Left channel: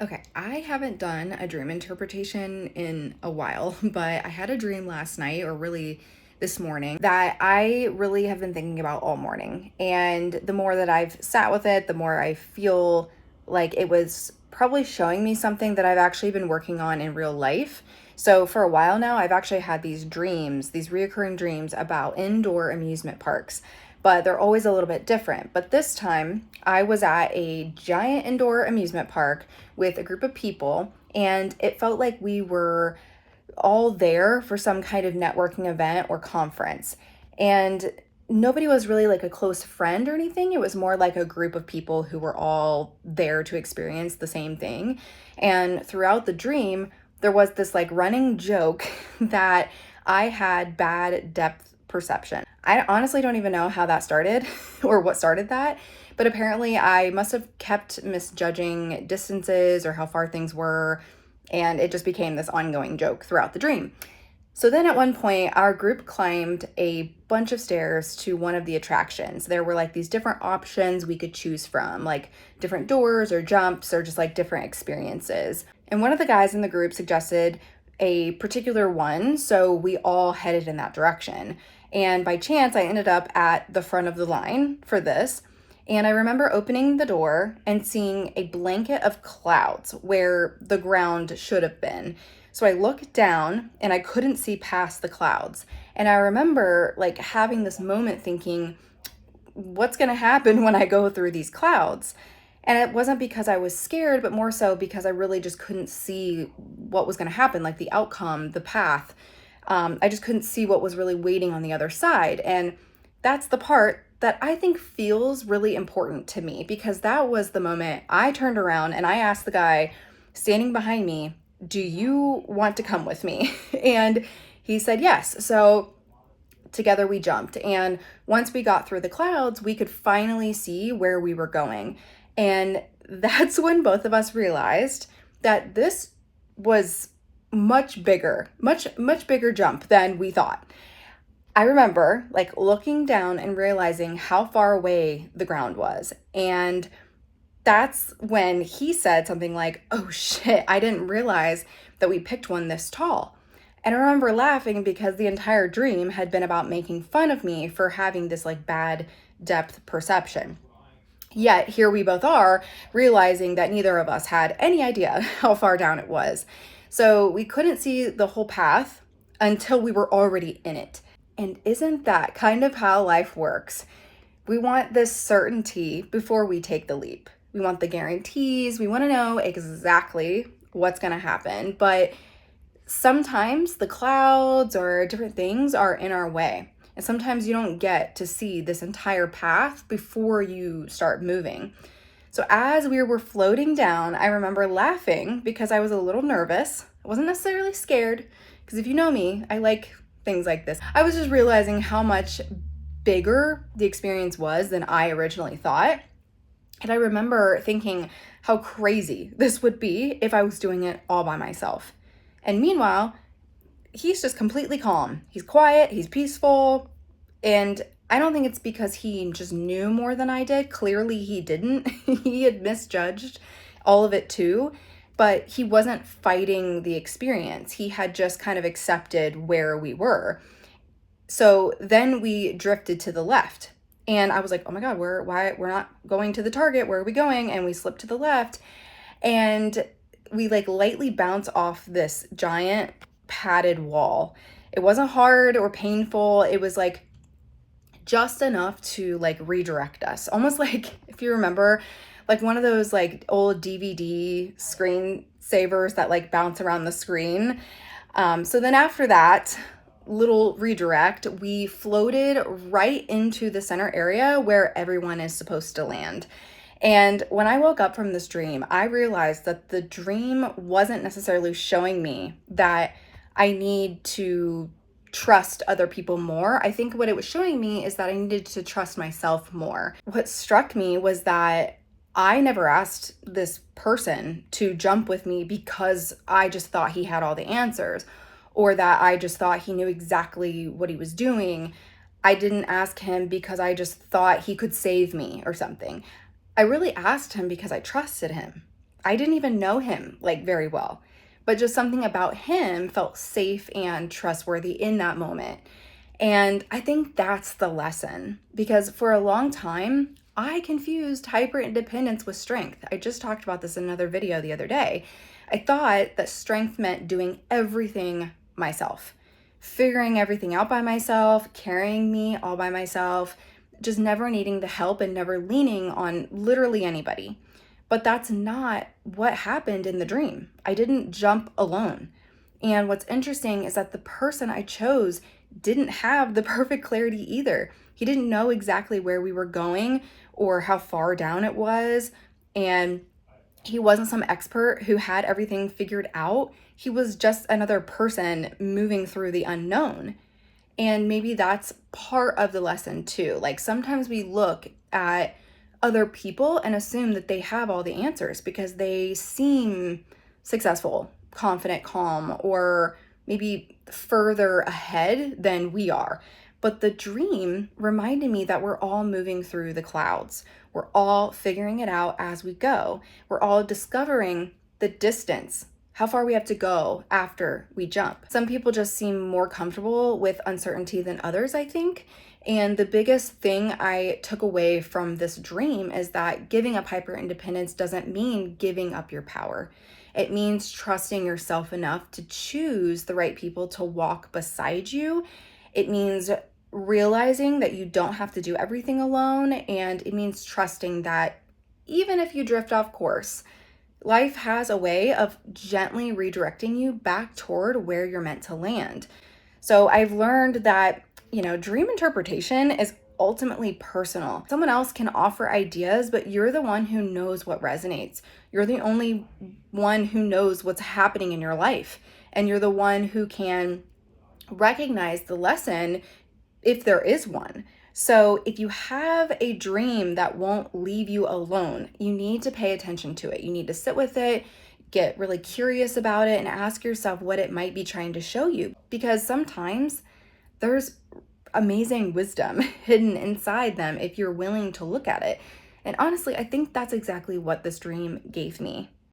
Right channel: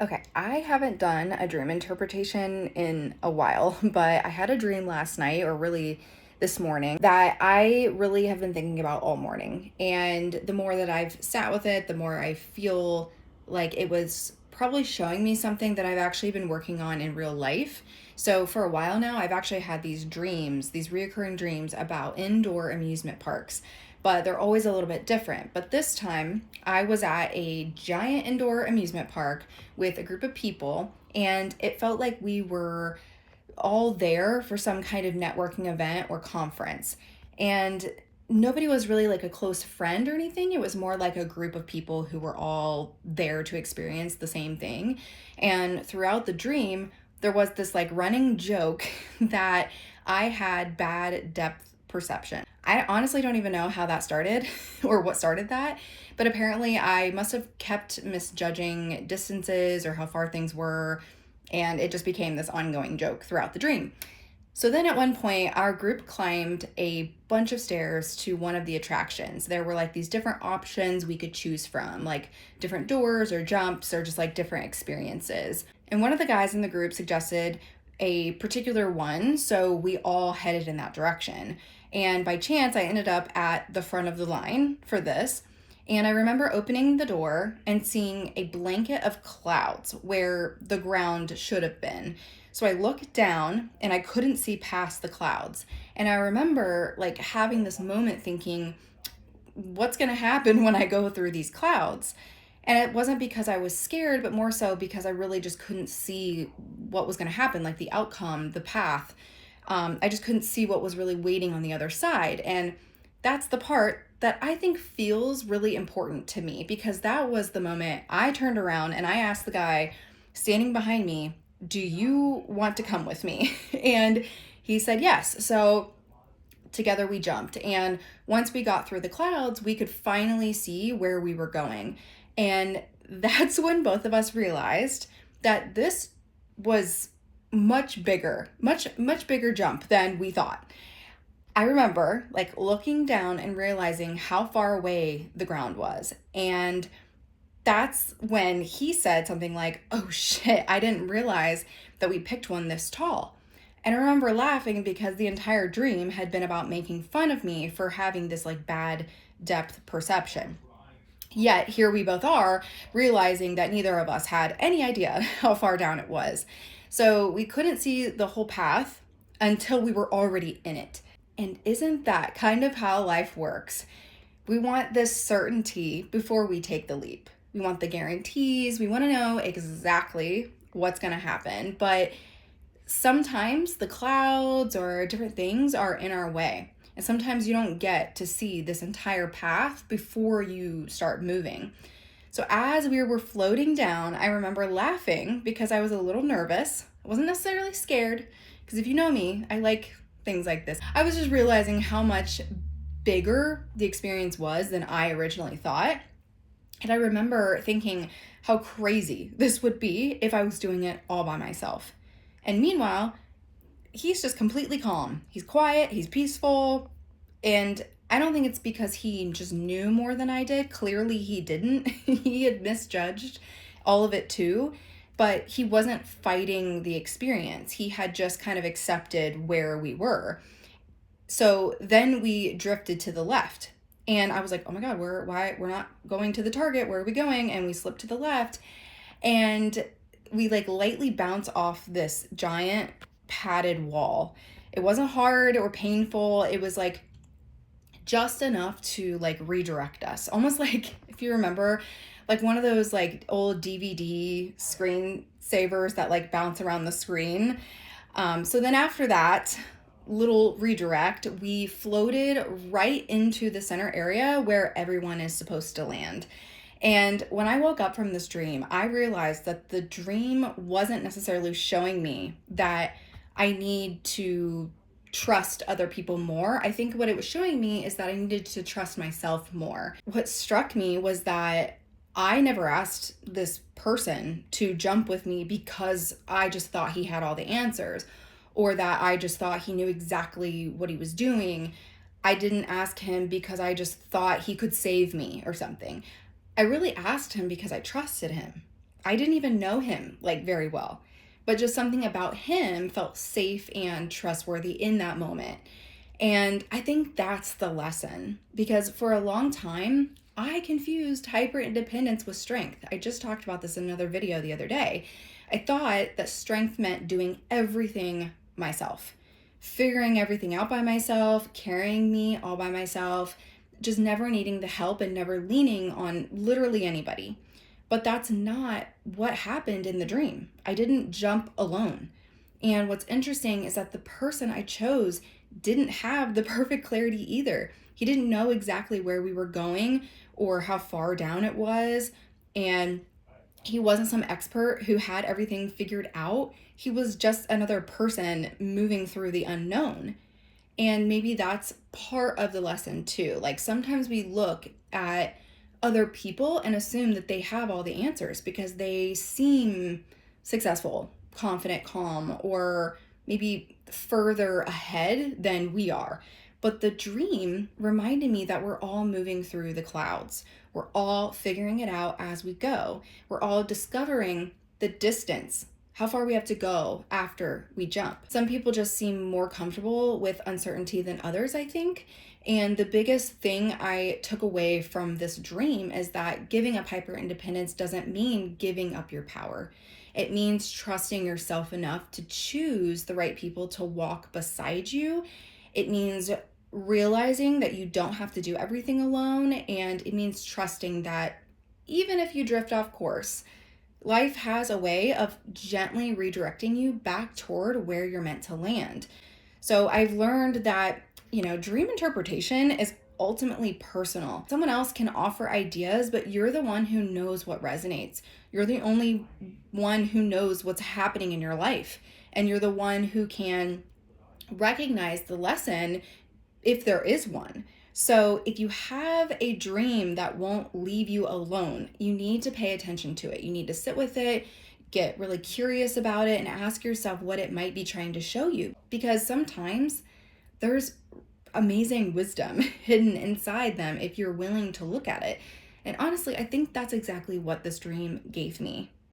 Okay, I haven't done a dream interpretation in a while, but I had a dream last night, or really this morning, that I really have been thinking about all morning. And the more that I've sat with it, the more I feel like it was probably showing me something that I've actually been working on in real life. So for a while now, I've actually had these dreams, these reoccurring dreams about indoor amusement parks, but they're always a little bit different. But this time, I was at a giant indoor amusement park with a group of people, and it felt like we were all there for some kind of networking event or conference. And nobody was really like a close friend or anything. It was more like a group of people who were all there to experience the same thing. And throughout the dream, there was this like running joke that I had bad depth perception. I honestly don't even know how that started or what started that, but apparently I must have kept misjudging distances or how far things were, and it just became this ongoing joke throughout the dream. So then at one point, our group climbed a bunch of stairs to one of the attractions. There were like these different options we could choose from, like different doors or jumps or just like different experiences. And one of the guys in the group suggested a particular one, so we all headed in that direction. And by chance, I ended up at the front of the line for this. And I remember opening the door and seeing a blanket of clouds where the ground should have been. So I looked down and I couldn't see past the clouds. And I remember like having this moment thinking, what's going to happen when I go through these clouds? And it wasn't because I was scared, but more so because I really just couldn't see what was going to happen, like the outcome, the path. I just couldn't see what was really waiting on the other side. And that's the part that I think feels really important to me, because that was the moment I turned around and I asked the guy standing behind me, do you want to come with me? And he said yes. So together we jumped. And once we got through the clouds, we could finally see where we were going. And that's when both of us realized that this was much bigger, much bigger jump than we thought. I remember like looking down and realizing how far away the ground was. And that's when he said something like, oh shit, I didn't realize that we picked one this tall. And I remember laughing because the entire dream had been about making fun of me for having this like bad depth perception. Yet here we both are realizing that neither of us had any idea how far down it was. So we couldn't see the whole path until we were already in it. And isn't that kind of how life works? We want this certainty before we take the leap. We want the guarantees. We want to know exactly what's going to happen. But sometimes the clouds or different things are in our way. And sometimes you don't get to see this entire path before you start moving. So as we were floating down, I remember laughing because I was a little nervous. I wasn't necessarily scared, because if you know me, I like things like this. I was just realizing how much bigger the experience was than I originally thought. And I remember thinking how crazy this would be if I was doing it all by myself. And meanwhile, he's just completely calm. He's quiet, he's peaceful, and I don't think it's because he just knew more than I did. Clearly he didn't. He had misjudged all of it too, but he wasn't fighting the experience. He had just kind of accepted where we were. So then we drifted to the left. And I was like, oh my God, we're not going to the target. Where are we going? And we slipped to the left. And we like lightly bounce off this giant padded wall. It wasn't hard or painful. It was like just enough to like redirect us. Almost like, if you remember, like one of those like old DVD screen savers that like bounce around the screen. So then after that little redirect, we floated right into the center area where everyone is supposed to land. And when I woke up from this dream, I realized that the dream wasn't necessarily showing me that I need to trust other people more. I think what it was showing me is that I needed to trust myself more. What struck me was that I never asked this person to jump with me because I just thought he had all the answers, or that I just thought he knew exactly what he was doing. I didn't ask him because I just thought he could save me or something. I really asked him because I trusted him. I didn't even know him like very well, but just something about him felt safe and trustworthy in that moment. And I think that's the lesson, because for a long time, I confused hyper independence with strength. I just talked about this in another video the other day. I thought that strength meant doing everything myself, figuring everything out by myself, carrying me all by myself, just never needing the help and never leaning on literally anybody. But that's not what happened in the dream. I didn't jump alone. And what's interesting is that the person I chose didn't have the perfect clarity either. He didn't know exactly where we were going or how far down it was. And he wasn't some expert who had everything figured out. He was just another person moving through the unknown. And maybe that's part of the lesson too. Like sometimes we look at other people and assume that they have all the answers because they seem successful, confident, calm, or maybe further ahead than we are. But the dream reminded me that we're all moving through the clouds. We're all figuring it out as we go. We're all discovering the distance, how far we have to go after we jump. Some people just seem more comfortable with uncertainty than others, I think. And the biggest thing I took away from this dream is that giving up hyper independence doesn't mean giving up your power. It means trusting yourself enough to choose the right people to walk beside you. It means realizing that you don't have to do everything alone. And it means trusting that even if you drift off course, life has a way of gently redirecting you back toward where you're meant to land. So I've learned that, dream interpretation is ultimately personal. Someone else can offer ideas, but you're the one who knows what resonates. You're the only one who knows what's happening in your life. And you're the one who can recognize the lesson if there is one. So if you have a dream that won't leave you alone, you need to pay attention to it. You need to sit with it, get really curious about it, and ask yourself what it might be trying to show you. Because sometimes there's amazing wisdom hidden inside them if you're willing to look at it. And honestly, I think that's exactly what this dream gave me.